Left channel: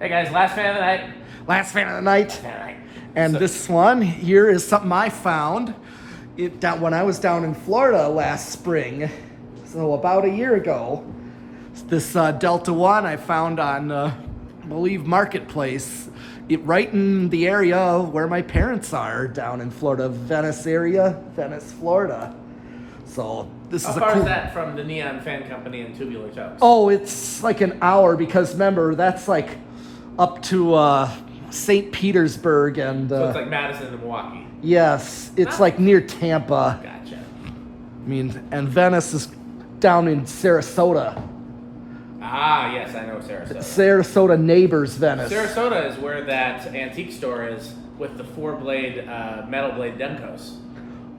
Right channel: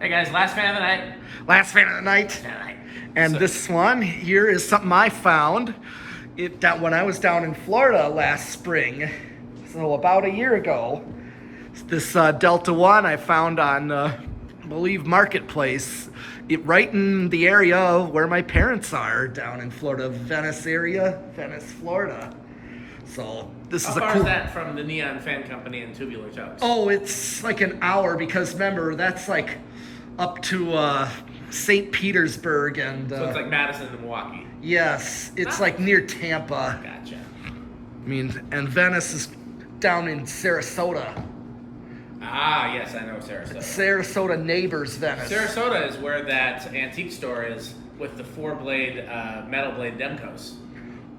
Hey guys, last fan of the night. Last fan of the night. Fan of the night. And So- this one here is something I found when I was down in Florida last spring. So about a year ago. This Delta One I found on, I believe, Marketplace. Right in the area where my parents are down in Florida, Venice area, Venice, Florida. So this How is a far cool. is that from the Neon Fan Company and Tubular Toes? Oh, it's like an hour because remember that's like up to St. Petersburg and So it's like Madison and Milwaukee. yes, it's like near Tampa. Gotcha. I mean, and Venice is down in Sarasota. Ah, yes, I know Sarasota. Sarasota neighbors Venice. Sarasota is where that antique store is with the four-blade, metal blade Demcos.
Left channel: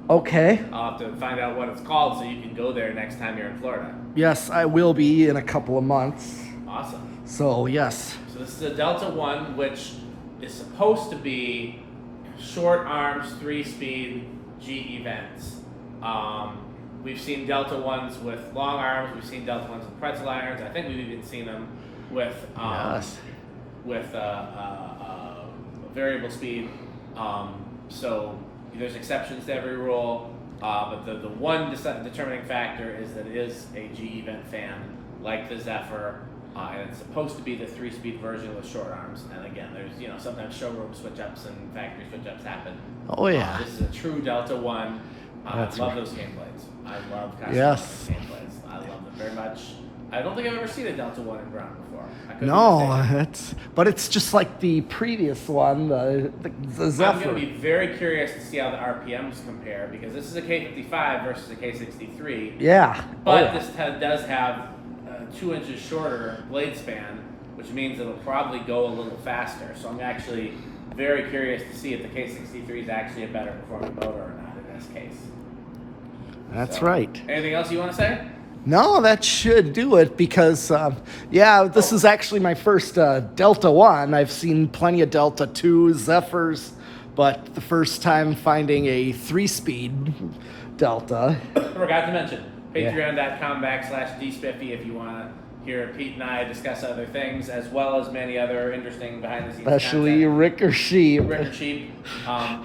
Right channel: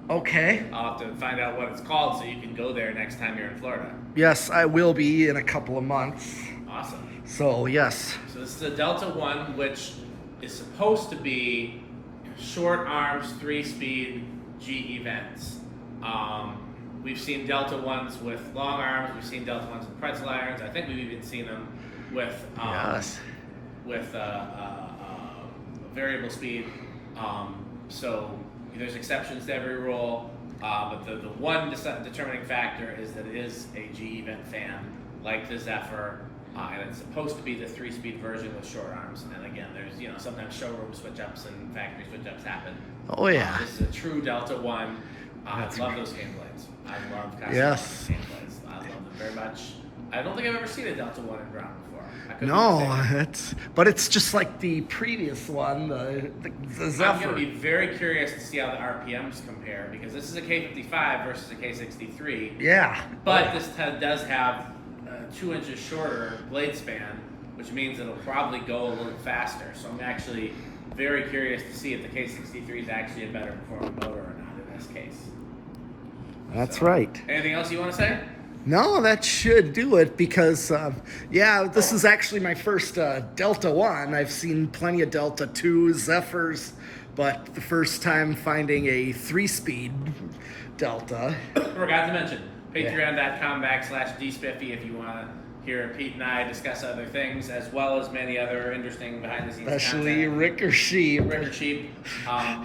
Okay. I'll have to find out what it's called so you can go there next time you're in Florida. Yes, I will be in a couple of months. Awesome. So yes. So this is the Delta One, which is supposed to be short arms, 3-speed G events. We've seen Delta Ones with long arms. We've seen Delta Ones with pretzel irons. I think we've even seen them with Yes. variable speed. So there's exceptions to every rule. But the one determining factor is that it is a G event fan, like the Zephyr. And it's supposed to be the 3-speed version with short arms. And again, there's sometimes showroom switch-ups and factory switch-ups happen. Oh yeah. This is a true Delta One. That's I love right. those game blades. I love Casablanca Yes. game blades. I love them very much. I don't think I've ever seen a Delta One in ground before. I could be No, mistaken. it's just like the previous one, the I'm Zephyr. going to be very curious to see how the RPMs compare because this is a K55 versus a K63. Yeah. But Oh, this does have 2 inches shorter blade span, which means it'll probably go a little faster. So I'm actually very curious to see if the K63 is actually a better performing motor or not in this case. that's So, right. Anything else you want to say? No, that should do it because, this is actually my first Delta One. I've seen plenty of Delta 2 Zephyrs, but the first time finding a 3-speed Delta. Forgot to mention, patreon.com/dspiffy if you want to hear Pete and I discuss other things, as well as many other interesting behind-the-scenes Especially content. Rick or Sheep. Ricker Sheep.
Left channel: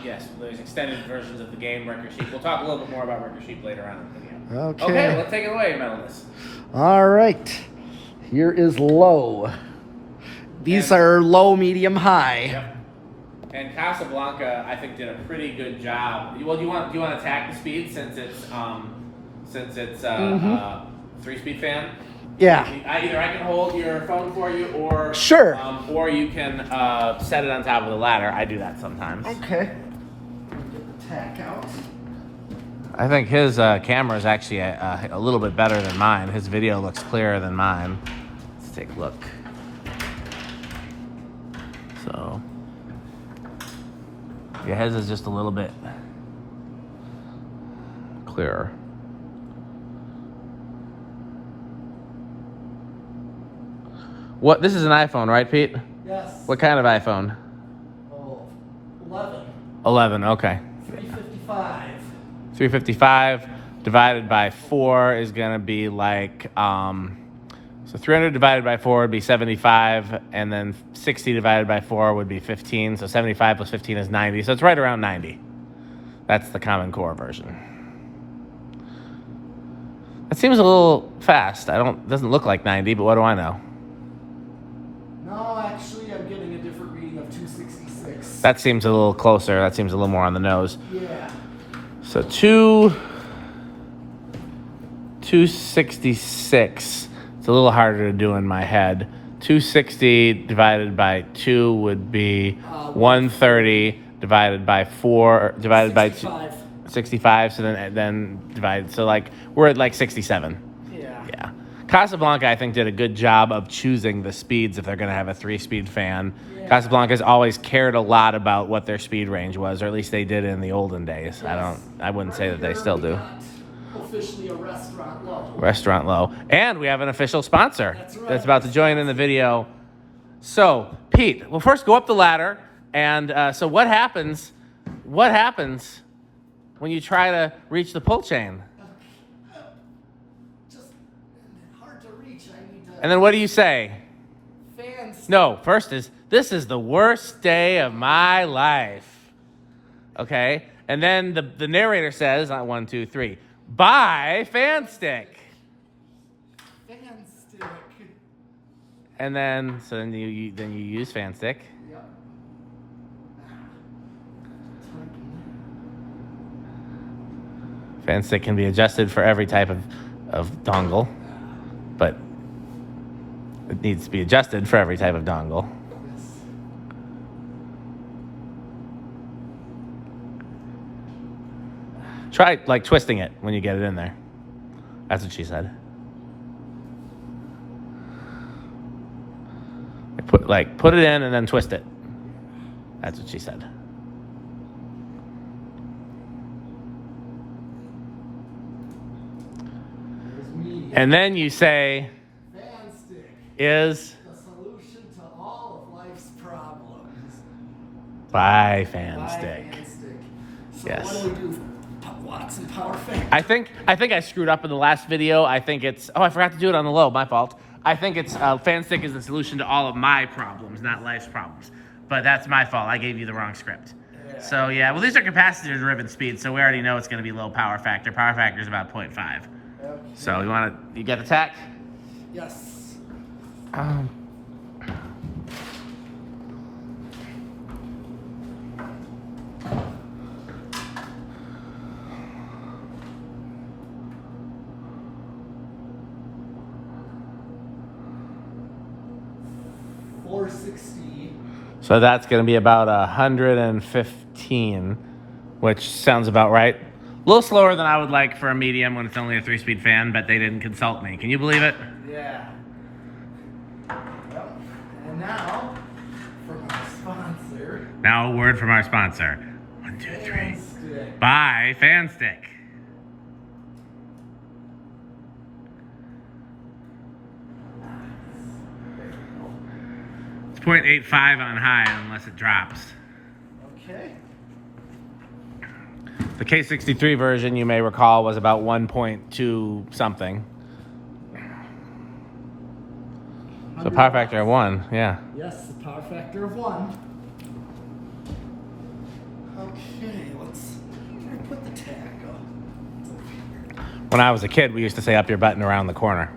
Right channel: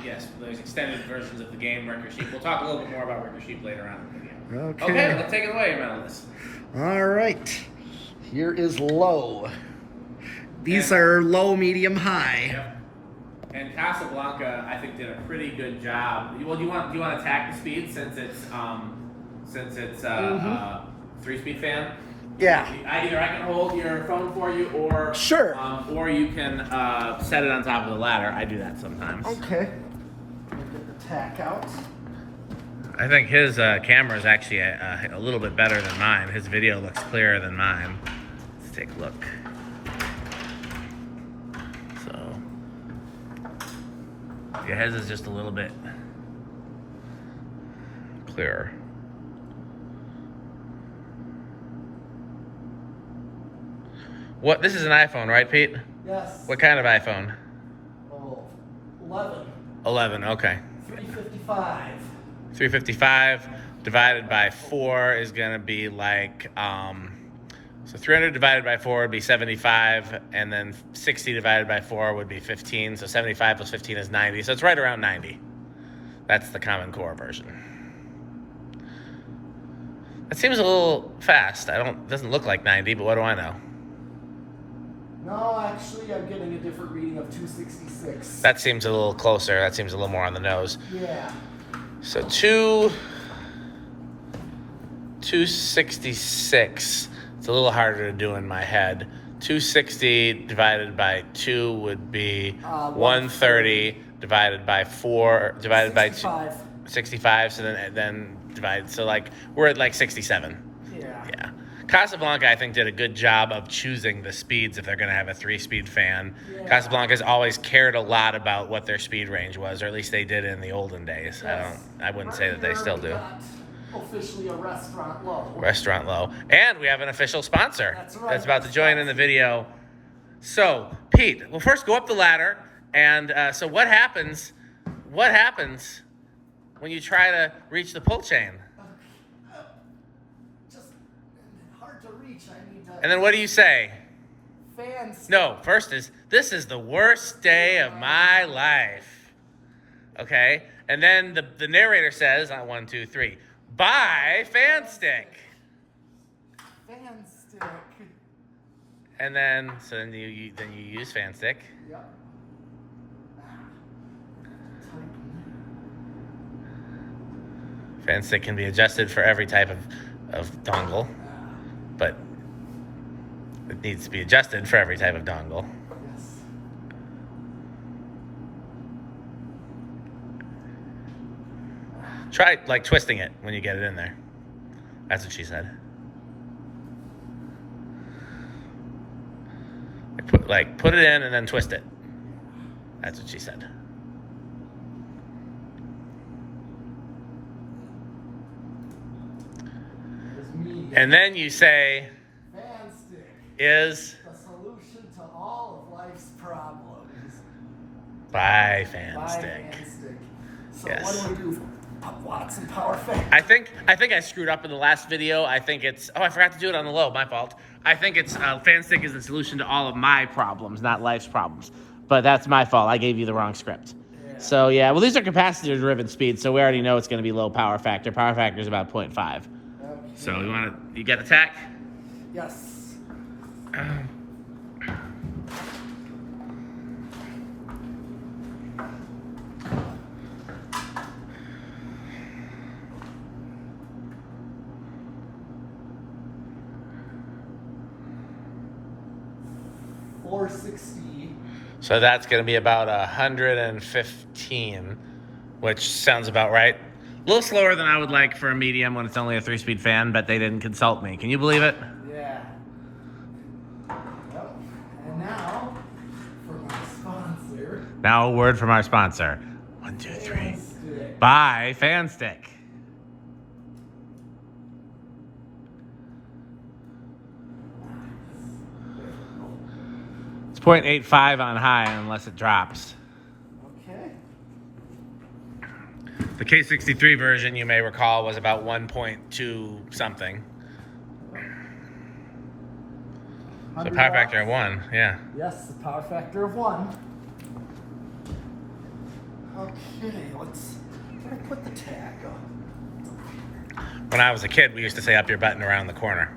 Yes, there's extended versions of the game, Ricker Sheep. We'll talk a little bit more about Ricker Sheep later on in the video. Okay, let's take it away, Metalist. All right. Here is low. These are low, medium, high. Yep. And Casablanca, I think, did a pretty good job. Well, do you want to attack the speed since it's a 3-speed fan? Yeah. Either I can hold your phone for you, or Sure. or you can set it on top of the ladder. I do that sometimes. Okay. Get the tack out. I think his camera is actually a little bit better than mine. His video looks clearer than mine. Let's take a look. So, yeah, his is just a little bit clearer. What? This is an iPhone, right, Pete? Yes. What kind of iPhone? Oh, 11. 11. Okay. 355. 355 divided by 4 is gonna be like so 300 divided by 4 would be 75, and then 60 divided by 4 would be 15. So 75 plus 15 is 90. So it's right around 90. That's the Common Core version. That seems a little fast. Doesn't look like 90, but what do I know? No, actually, I'm getting a different reading of 266. That seems a little closer. That seems a little more on the nose. Yeah. So 266. It's a little harder to do in my head. 260 divided by 2 would be 130 divided by 4 divided 65. by 65. So then divided. So like we're at like 67. Yeah. Yeah. Casablanca, I think, did a good job of choosing the speeds if they're going to have a 3-speed fan. Yeah. Casablanca's always cared a lot about what their speed range was, or at least they did in the olden days. Yes. I wouldn't say that they Right still here we do. got officially a restaurant low. Restaurant Low. And we have an official sponsor That's right. about to join in the video. So, Pete, well, first go up the ladder. And so what happens when you try to reach the pull chain? Just hard to reach. I need to And then what do you say? Fan stick. No, first is, this is the worst day of my life. Okay? And then the narrator says, on 1, 2, 3, buy fan stick. Fan stick. And then, so then you use fan stick. Yep. Fan stick can be adjusted for every type of dongle, but it needs to be adjusted for every type of dongle. Yes. Try like twisting it when you get it in there. That's what she said. Put it in and then twist it. That's what she said. And then you say, fan stick is the solution to all of life's problems. buy fan Buy stick. fan stick. So Yes. what do we do? Watson power factor. I think I screwed up in the last video. I think it's, I forgot to do it on the low, my fault. I think it's fan stick is the solution to all of my problems, not life's problems. But that's my fault. I gave you the wrong script. Yeah. So yeah, well these are capacitor driven speeds, so we already know it's going to be low power factor. Power factor is about 0.5. Okay. So you get the tack? Yes. 460. So that's going to be about 115, which sounds about right. A little slower than I would like for a medium when it's only a 3-speed fan, but they didn't consult me. Can you believe it? Yeah. Well, and now for my sponsor. Now a word from our sponsor. 1, 2, 3. Fan stick. Buy fan stick. It's 0.85 on high unless it drops. Okay. The K63 version, you may recall, was about 1.2 something. So power factor of 1, yeah. Yes, the power factor of 1. Okay, where do I put the tag on? When I was a kid, we used to say up your button around the corner.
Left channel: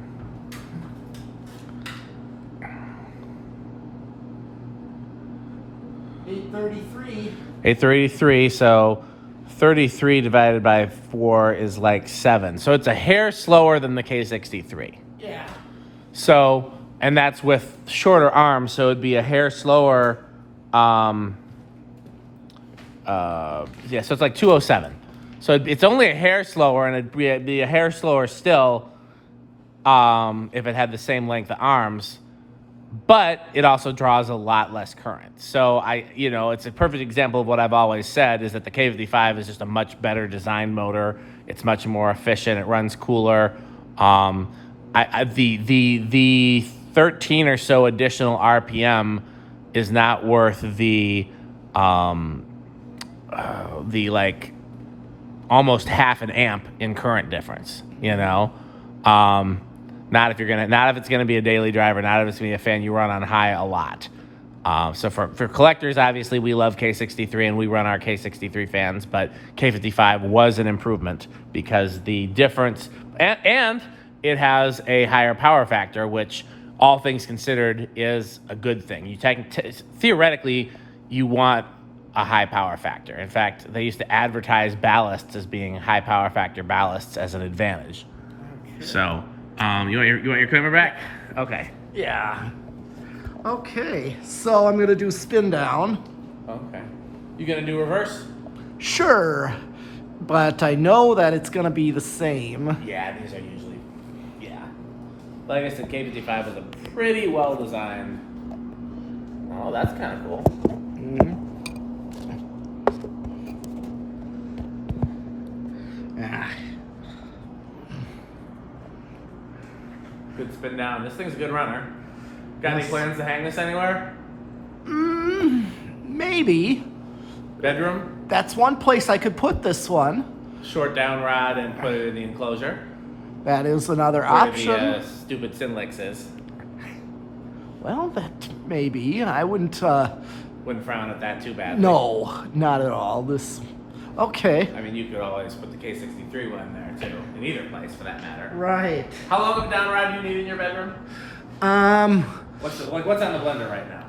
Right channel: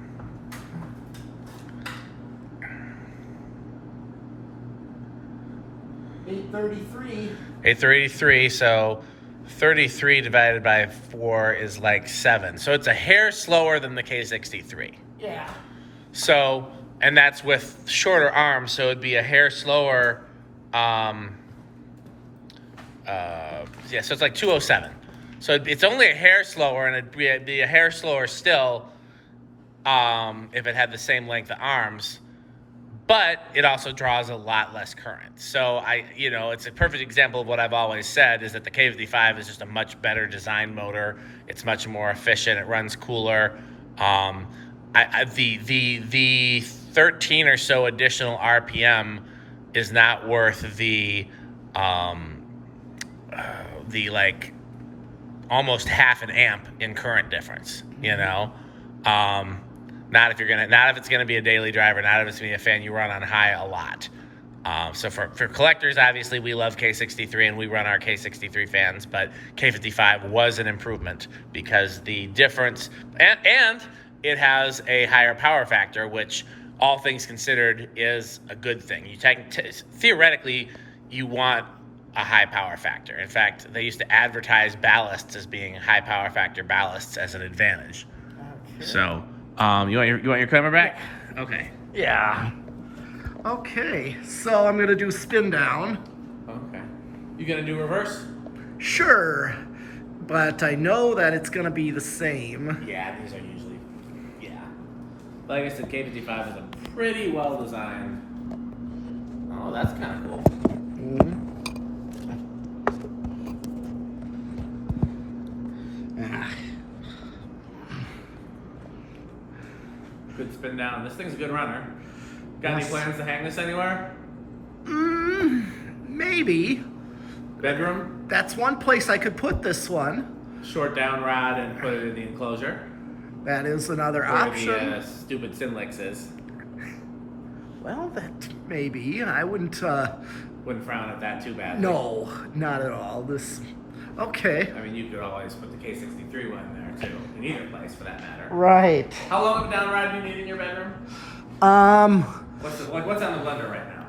$833. 833, so 33 divided by 4 is like 7. So it's a hair slower than the K63. Yeah. So, and that's with shorter arms, so it'd be a hair slower. Yeah, so it's like 207. So it's only a hair slower, and it'd be a hair slower still if it had the same length of arms. But it also draws a lot less current. So it's a perfect example of what I've always said is that the K55 is just a much better design motor. It's much more efficient. It runs cooler. The 13 or so additional RPM is not worth the like almost half an amp in current difference. Not if it's gonna be a daily driver, not if it's gonna be a fan you run on high a lot. So for collectors, obviously we love K63 and we run our K63 fans, but K55 was an improvement because the difference, and it has a higher power factor, which all things considered is a good thing. Theoretically, you want a high power factor. In fact, they used to advertise ballasts as being high power factor ballasts as an advantage. So, you want your camera back? Okay. Yeah. Okay, so I'm gonna do spin down. Okay. You gonna do reverse? Sure, but I know that it's gonna be the same. Yeah, these are usually, Like I said, K55 is a pretty well designed. Oh, that's kind of cool. Good spin down. This thing's a good runner. Got any plans to hang this anywhere? Maybe. Bedroom? That's one place I could put this one. Short down rod and put it in the enclosure. That is another Where option. the stupid Sinlix is. Well, that maybe. I wouldn't. Wouldn't frown at that too badly. No, not at all. This. Okay. I mean, you could always put the K63 one in there too, in either place for that matter. Right. How long of a down rod do you need in your bedroom? What's on the blender right now?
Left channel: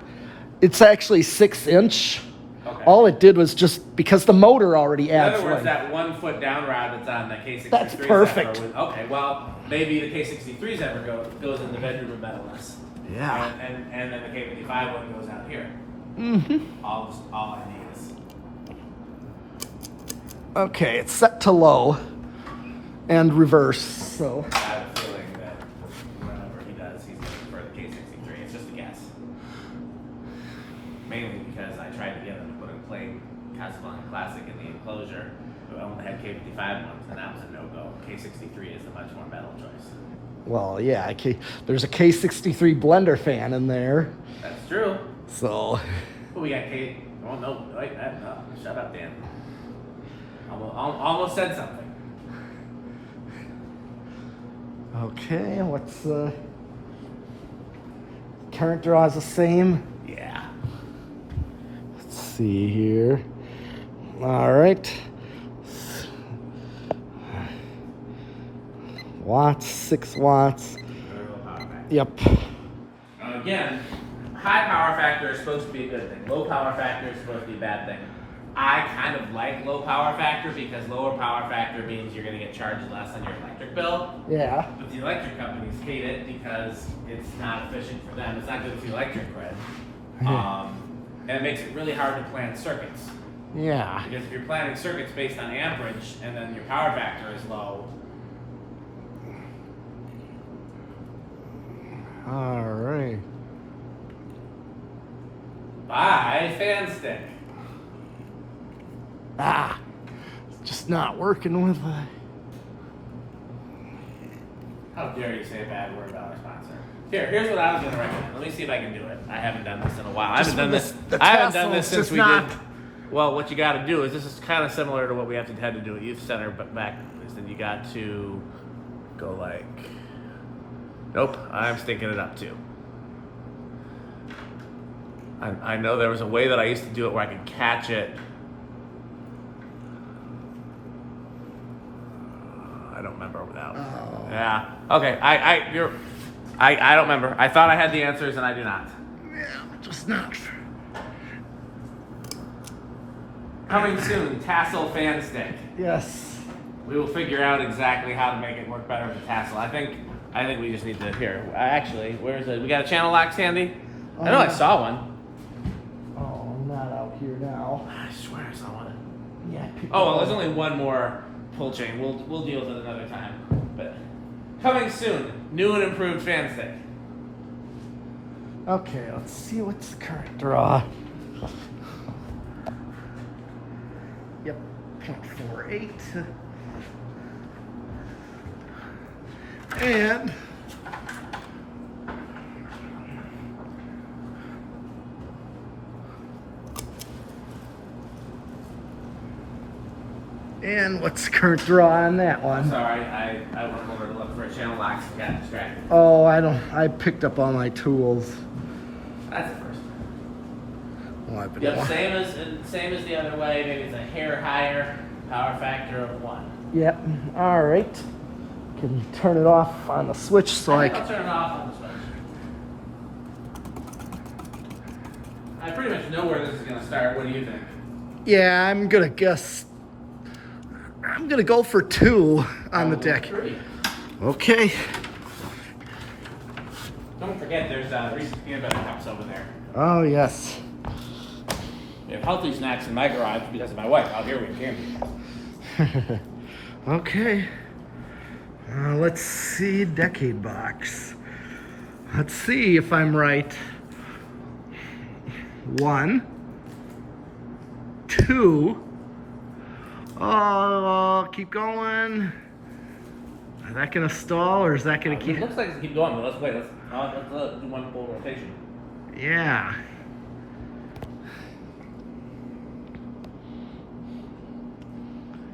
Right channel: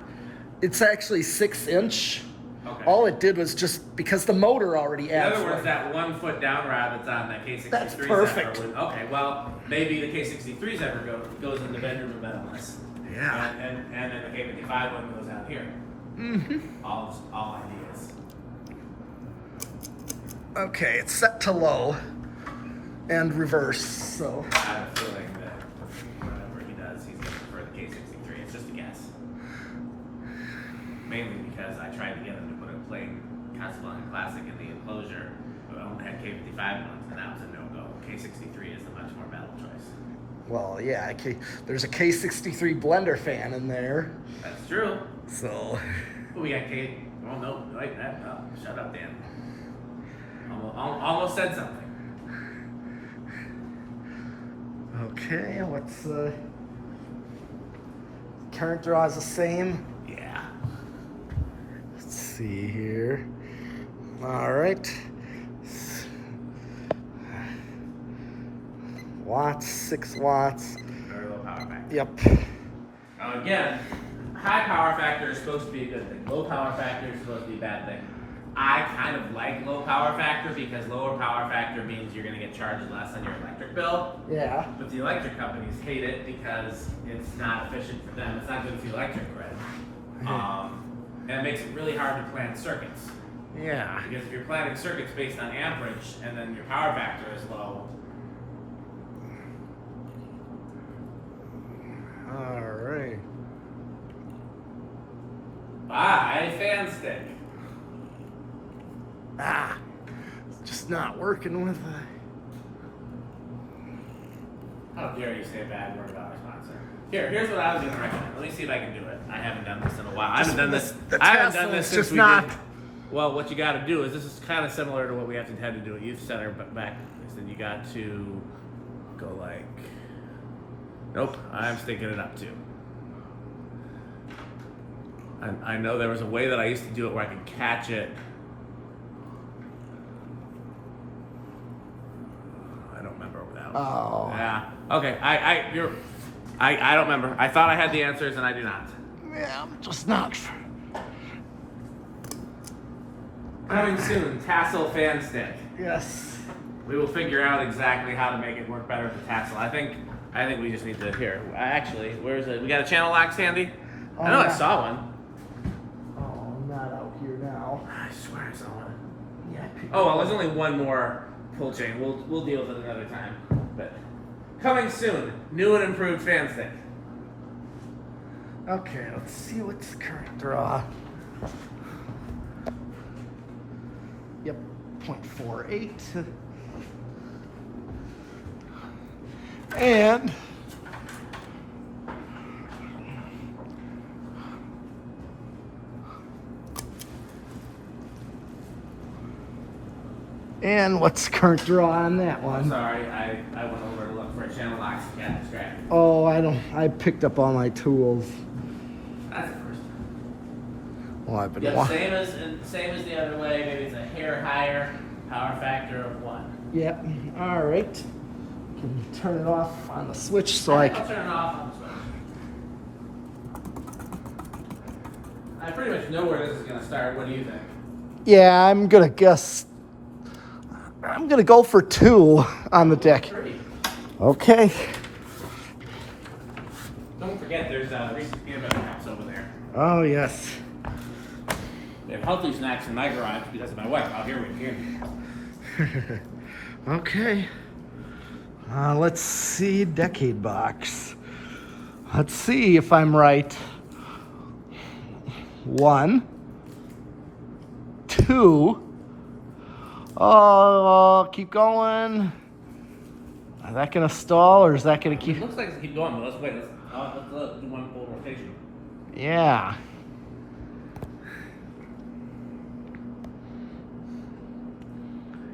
It's actually 6-inch. Okay. All it did was just because the motor already In adds. other words, that 1 foot down rod that's on the K63. That's perfect. Okay, well, maybe the K63's ever goes in the bedroom of metalness. Yeah. And then the K55 one goes out here. Mm-hmm. All I need is. Okay, it's set to low and reverse. So. I have a feeling that whatever he does, he's going to prefer the K63. It's just a guess. Mainly because I tried to get him to put a plain Casablanca Classic in the enclosure. We only had K55 ones, and that was a no-go. K63 is the much more metal choice. Well, yeah. There's a K63 blender fan in there. That's true. So. Oh, we got K. Oh, no. Wait, shut up, Dan. Almost said something. Okay, what's current draw is the same. Yeah. Let's see here. All right. Watts, 6 watts. Very low power factor. Yep. Again, high power factor is supposed to be a good thing. Low power factor is supposed to be a bad thing. I kind of like low power factor because lower power factor means you're going to get charged less on your electric bill. Yeah. But the electric companies hate it because it's not efficient for them. It's not good for the electric grid. And it makes it really hard to plan circuits. Yeah. Because if you're planning circuits based on amperage and then your power factor is low, All right. buy fan stick. It's just not working with How dare you say a bad word about our sponsor? Here's what I was going to recommend. Let me see if I can do it. I haven't done this in a while. I haven't done this. the I haven't done tassel this is since just we not- did. Well, what you got to do is this is kind of similar to what we have to had to do at Youth Center, but back is then you got to go like. Nope, I'm stinking it up too. I know there was a way that I used to do it where I could catch it. I don't remember without. Oh. Yeah. Okay. I don't remember. I thought I had the answers and I do not. Yeah, I'm just not. Coming soon, tassel fan stick. Yes. We will figure out exactly how to make it work better with the tassel. I think we just need to here. Actually, where's it? We got a channel lock, Sandy? I know I yeah. saw one. Oh, not out here now. I swear I saw one. Yeah. Oh well, there's only one more pull chain. We'll deal with it another time. But coming soon, new and improved fan stick. Okay, let's see what's the current draw. Yep, 0.48. And what's current draw on that one? Sorry, I went over to look for a channel lock. So got distracted. Oh, I picked up all my tools. That's the first. Well, I've been Yep, wa- same as the other way. Maybe it's a hair higher. Power factor of 1. Yep. All right. Can turn it off on the switch so I'll I turn it off on the switch. I pretty much know where this is going to start. What do you think? Yeah, I'm gonna guess. I'm gonna go for 2 on the deck. 3. Okay. Don't forget, there's Reese's peanut butter cups over there. Oh yes. They have healthy snacks in my garage because of my wife. Out here we can. Okay. Let's see, decade box. Let's see if I'm right. 1, 2. Oh, keep going. Is that gonna stall or is that gonna It keep? looks like it's keep going, but let's wait. Let's do one full rotation. Yeah.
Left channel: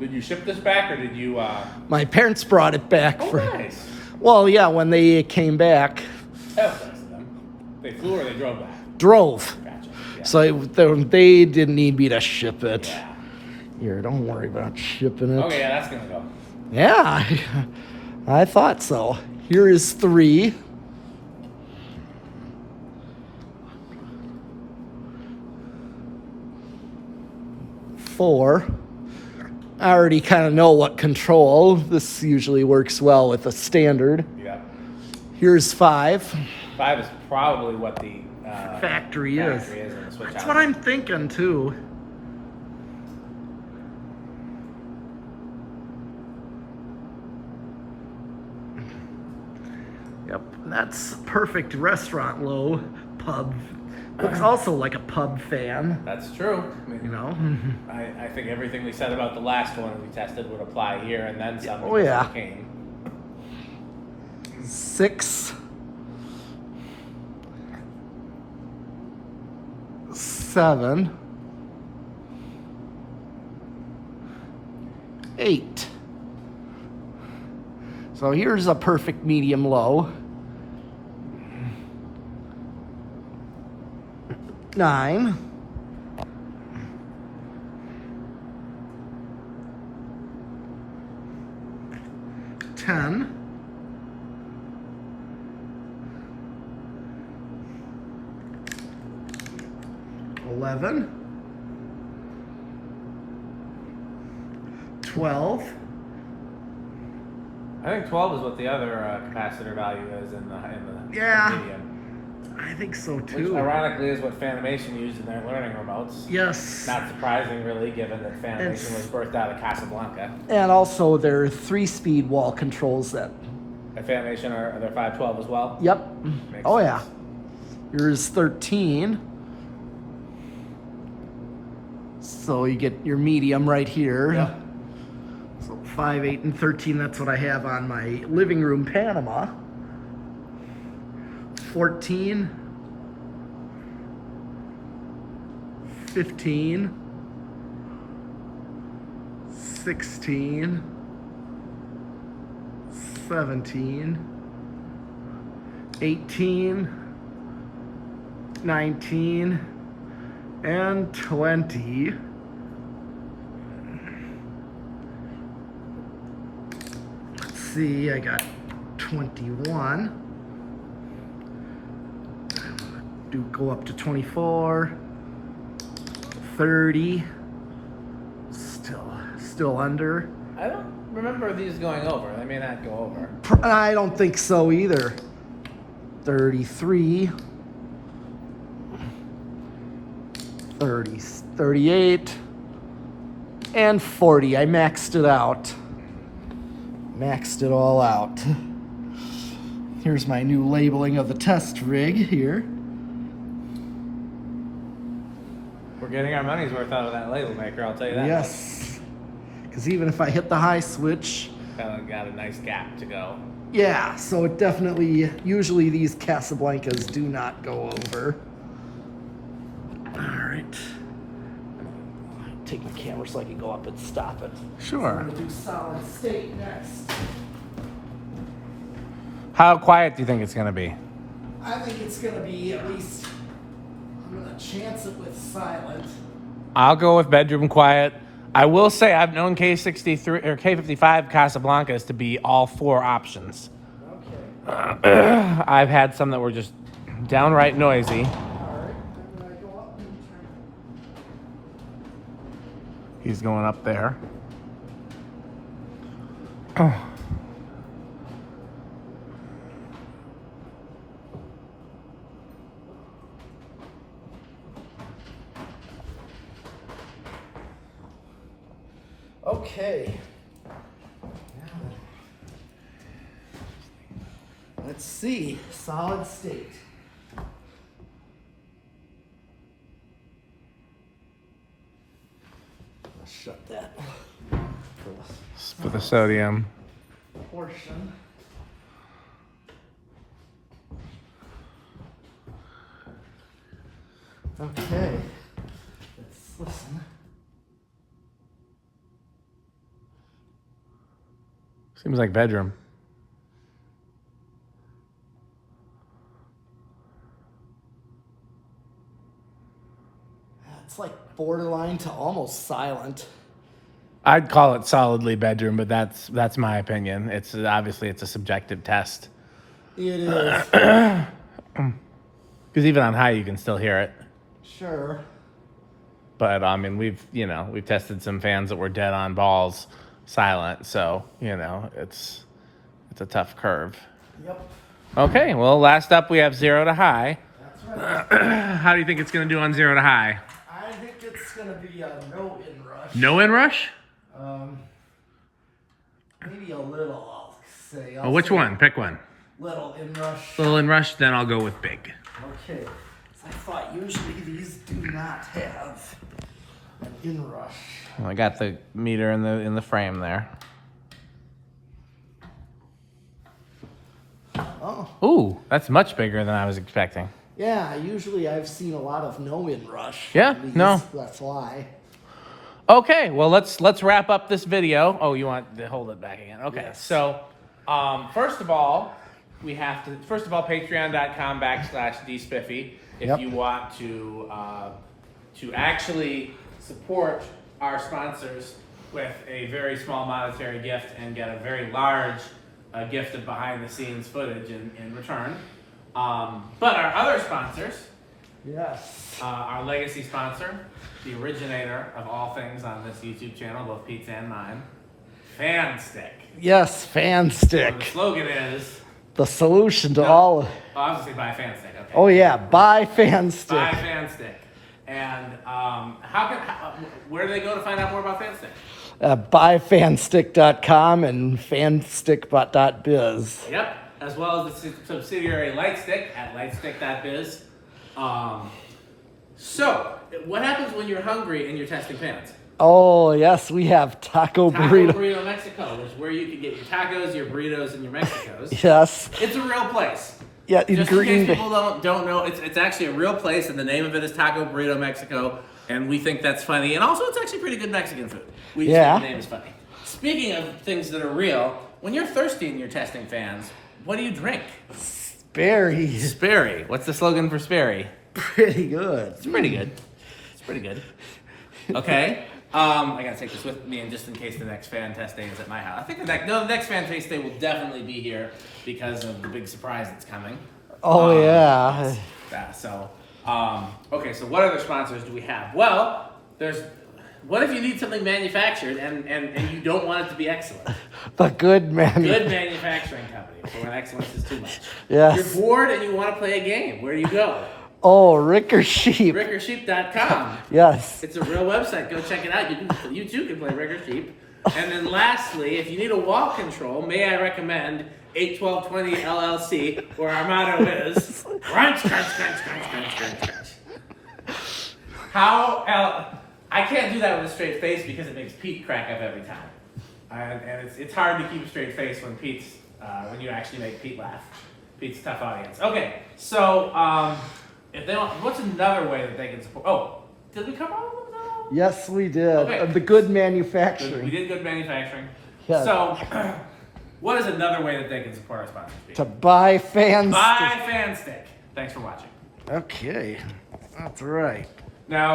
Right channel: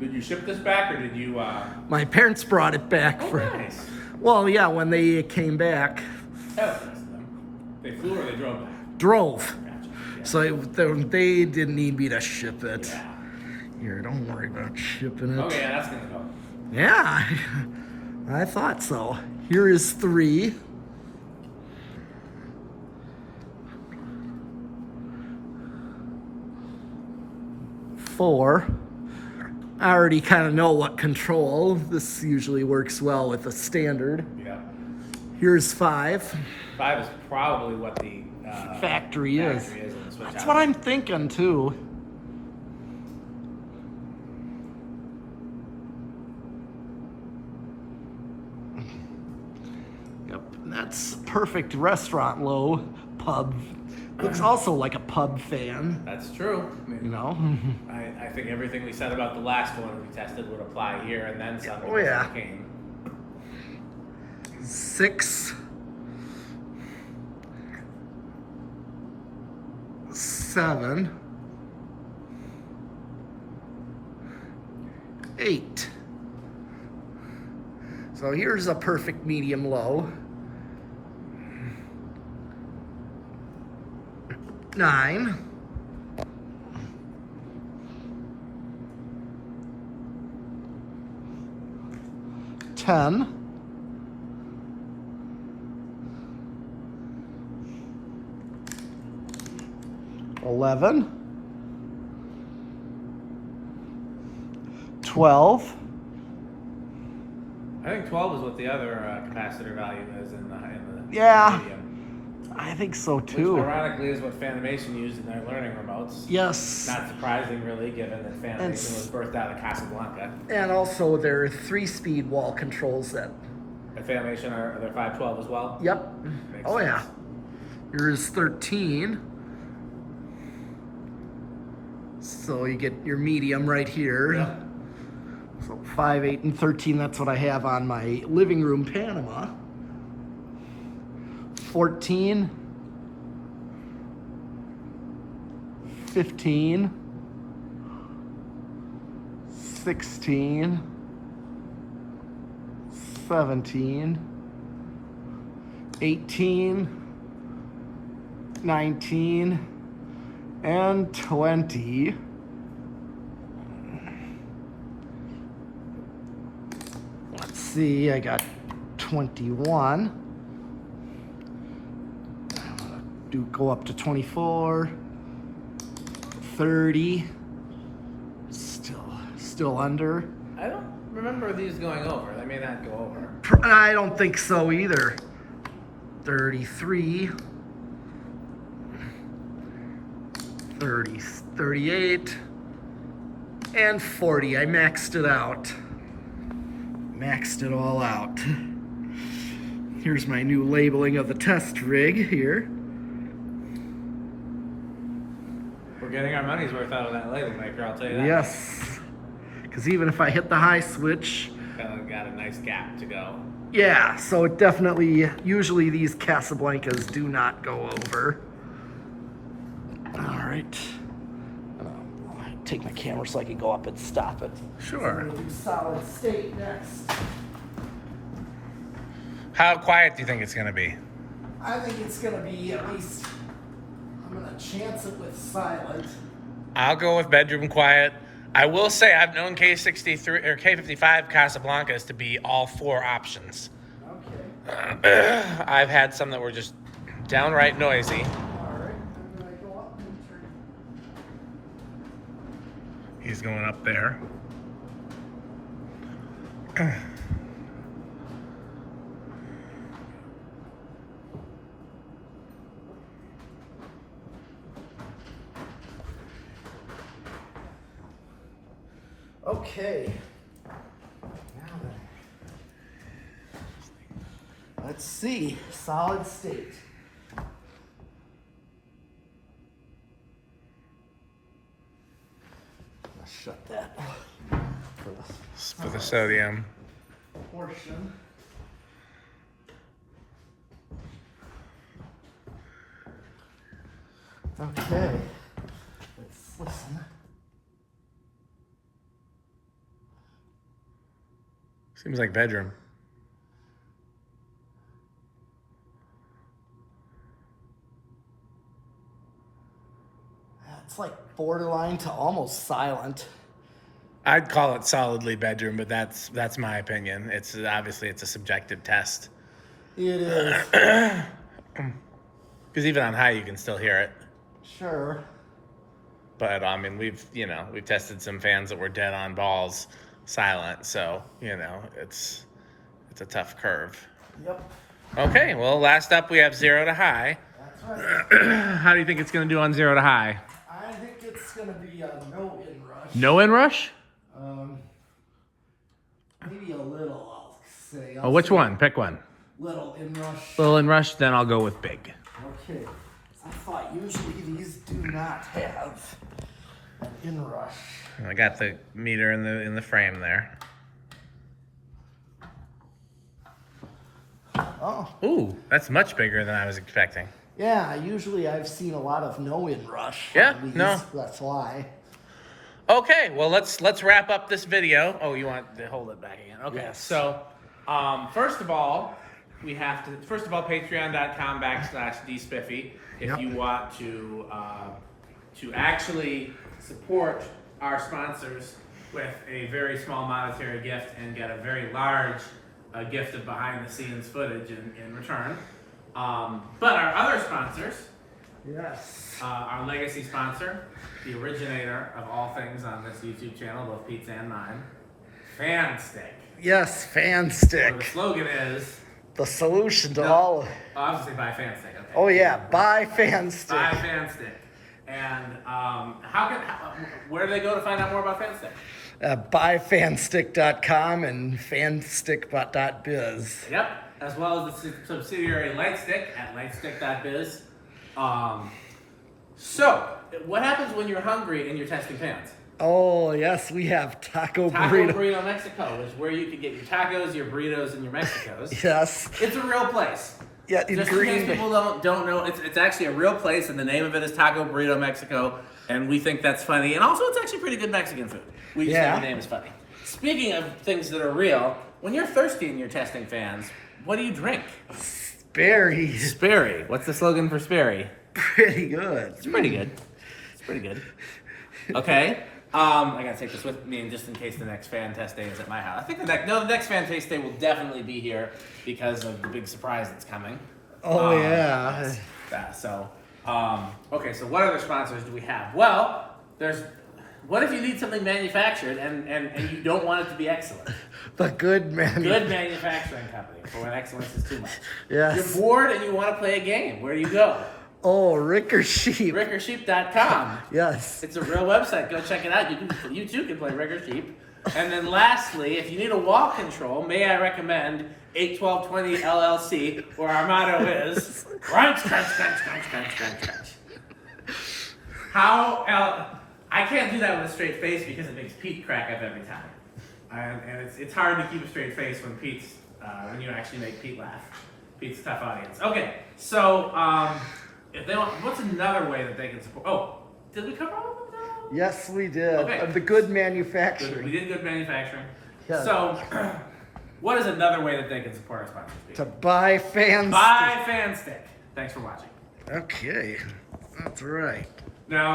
Did you ship this back or did you? My parents brought it back Oh, for. nice. Well, yeah, when they came back. That was nice of them. They flew or they drove back. drove. Gotcha. Yeah. So they didn't need me to ship it. Yeah. Here, don't worry about shipping it. Okay, yeah, that's gonna go. Yeah, I thought so. Here is 3. 4. I already kind of know what control. This usually works well with a standard. Yeah. Here's 5. 5 is probably what the Factory is. on the switch That's out. what I'm thinking too. Yep, that's perfect restaurant low pub. Looks also like a pub fan, That's true. I mean, you know. I think everything we said about the last one we tested would apply here, and then some. Oh, yeah. because it came. 6. 7. 8. So here's a perfect medium low. 9. 10. 11. 12. I think 12 is what the other capacitor value is in the Yeah. medium. I think so Which too. ironically is what Fanimation used in their learning remotes. Yes. Not surprising, really, given that Fanimation was birthed out of Casablanca. And also their 3-speed wall controls that. And Fanimation are their 512 as well. Yep. Makes Oh yeah. sense. Here's 13. So you get your medium right here. Yeah. So 5, 8, and 13, that's what I have on my living room Panama. 14. 15. 16. 17. 18. 19. And 20. Let's see, I got 21. Go up to 24. 30. Still under. I don't remember these going over. They may not go over. I don't think so either. 33. 30, 38, and 40. I maxed it out. Maxed it all out. Here's my new labeling of the test rig here. We're getting our money's worth out of that laser maker, I'll tell you that. Yes. Because even if I hit the high switch, Got a nice gap to go. yeah, so it definitely, usually these Casablancas do not go over. All right. Take the camera so I can go up and stop it. So Sure. we're gonna do solid state next. How quiet do you think it's going to be? I think it's gonna be at least, I'm gonna chance it with silent. I'll go with bedroom quiet. I will say I've known K63 or K55 Casablancas to be all 4 options. Okay. I've had some that were just downright noisy. All right. I'm gonna go up and turn. He's going up there. Okay. Now then. Let's see. Solid state. Let's shut that For the sodium. portion. Okay. Let's listen. Seems like bedroom. It's like borderline to almost silent. I'd call it solidly bedroom, but that's my opinion. It's obviously it's a subjective test. It is. Because even on high, you can still hear it. Sure. But I mean, we've tested some fans that were dead on balls, silent. So it's a tough curve. Yep. Okay, well, last up we have 0 to high. That's right. How do you think it's going to do on 0 to high? I think it's going to be a no inrush. No inrush? Maybe a little, I'll say. Oh, which one? Pick one. Little inrush. Little inrush, then I'll go with big. Okay. I thought usually these do not have an inrush. I got the meter in the frame there. Oh. Ooh, that's much bigger than I was expecting. Yeah, usually I've seen a lot of no inrush. Yeah, no. That's why. Okay, well let's wrap up this video. Oh, you want to hold it back again? Okay, Yes. so first of all, patreon.com/dspiffy if Yep. you want to actually support our sponsors with a very small monetary gift and get a very large gift of behind the scenes footage in return. But our other sponsors, Yes. our legacy sponsor, the originator of all things on this YouTube channel, both Pete's and mine, Fan Stick. Yes, Fan Or the Stick. slogan is, The solution to all. obviously buy Fan Stick, okay. Oh yeah, buy Fan Stick. Buy Fan Stick. And where do they go to find out more about Fan Stick? Buyfanstick.com and fanstick.biz. Yep, as well as the subsidiary Lightstick at lightstick.biz. So, what happens when you're hungry and you're testing fans? Oh yes, we have Taco Taco Burrito. Burrito Mexico, which is where you can get your tacos, your burritos, and your Mexicos. Yes. It's a real place. Yeah, in Just in Green case Bay. people don't know, it's actually a real place, and the name of it is Taco Burrito Mexico, and we think that's funny. And also, it's actually pretty good Mexican food. We just Yeah. think the name is funny. Speaking of things that are real, when you're thirsty and you're testing fans, what do you drink? Sperry. Sperry. What's the slogan for Sperry? Pretty good. It's pretty good. It's pretty good. Okay. I gotta take this with me, and just in case the next fan test day is at my house. I think the next fan test day will definitely be here because of the big surprise that's coming. Oh yeah. Yes. So, okay. So, what other sponsors do we have? Well, what if you need something manufactured and you don't want it to be excellent? The good man. Good manufacturing company for when excellence is too much. Yes. You're bored and you want to play a game. Where do you go? Oh, Ricker Sheep. RickerSheep.com. Yes. It's a real website. Go check it out. You too can play Ricker Sheep. And then lastly, if you need a wall control, may I recommend 81220 LLC, where our motto is crunch, crunch, crunch, crunch, crunch, crunch, crunch. I can't do that with a straight face because it makes Pete crack up every time. And it's hard to keep a straight face when when you actually make Pete laugh. Pete's a tough audience. Okay, so if they want, what's another way that they can support? Oh, did we cover all of them now? Yes, we did. Okay. The good We manufacturing. did good manufacturing. Yeah. So, what is another way that they can support our sponsors? To buy Fan Buy Fan Stick. Thanks for watching. Okay. That's right. Now.